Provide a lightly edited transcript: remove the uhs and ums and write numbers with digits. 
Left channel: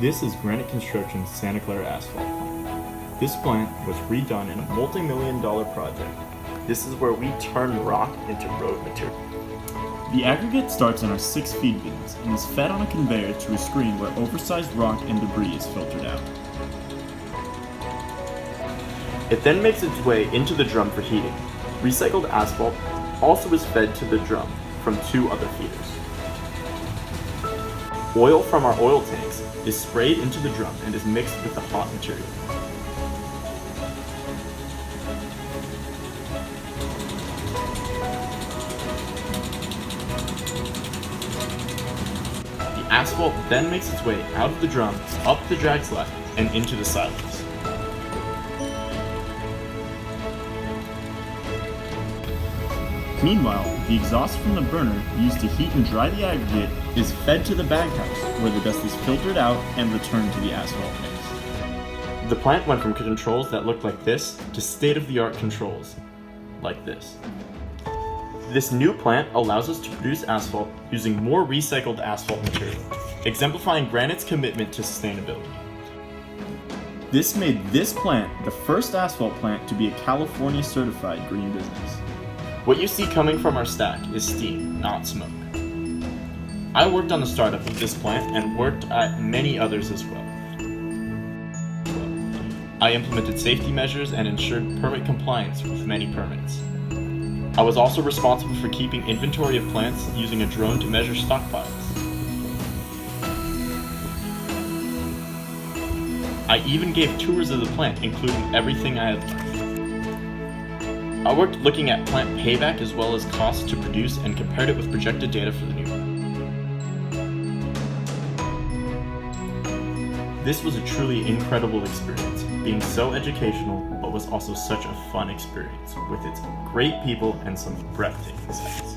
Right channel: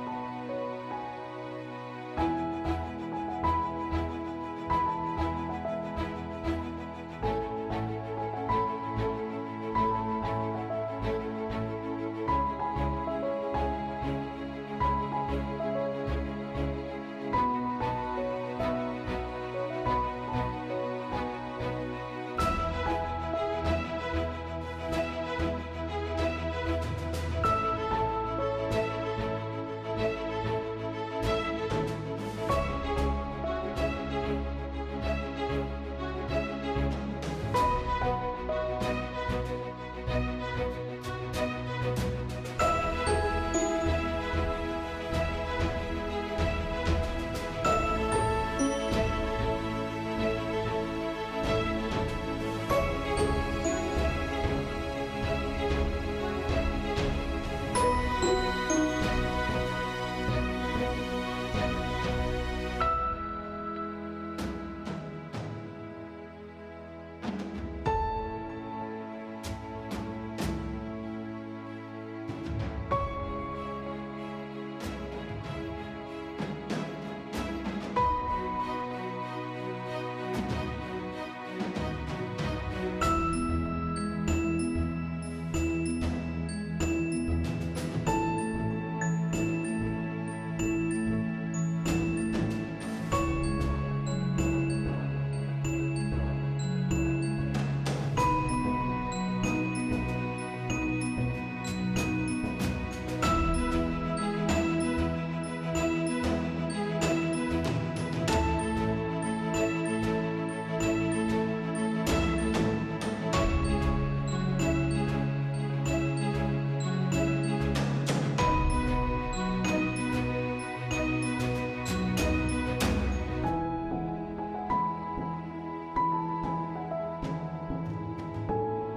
This is Granite Construction's Santa Clara asphalt plant. This plant was redone in a multi-million-dollar project. This is where we turn rock into road material. The aggregate starts in our 6 feed bins and is fed on a conveyor to a screen where oversized rock and debris is filtered out. It then makes its way into the drum for heating. Recycled asphalt also is fed to the drum from 2 other feeders. Oil from our oil tanks is sprayed into the drum and is mixed with the hot material. The asphalt then makes its way out of the drum, up the drag slab, and into the silos. Meanwhile, the exhaust from the burner used to heat and dry the aggregate is fed to the baghouse, where the dust is filtered out and returned to the asphalt mix. The plant went from controls that looked like this to state-of-the-art controls like this. This new plant allows us to produce asphalt using more recycled asphalt material, exemplifying Granite's commitment to sustainability. This made this plant the first asphalt plant to be a California certified green business. What you see coming from our stack is steam, not smoke. I worked on the startup of this plant and worked at many others as well. I implemented safety measures and ensured permit compliance with many permits. I was also responsible for keeping inventory of plants using a drone to measure stockpiles. I even gave tours of the plant, including everything I had left. I worked looking at plant payback as well as costs to produce and compared it with projected data for the new plant. This was a truly incredible experience, being so educational, but was also such a fun experience with its great people and some breathtaking sights.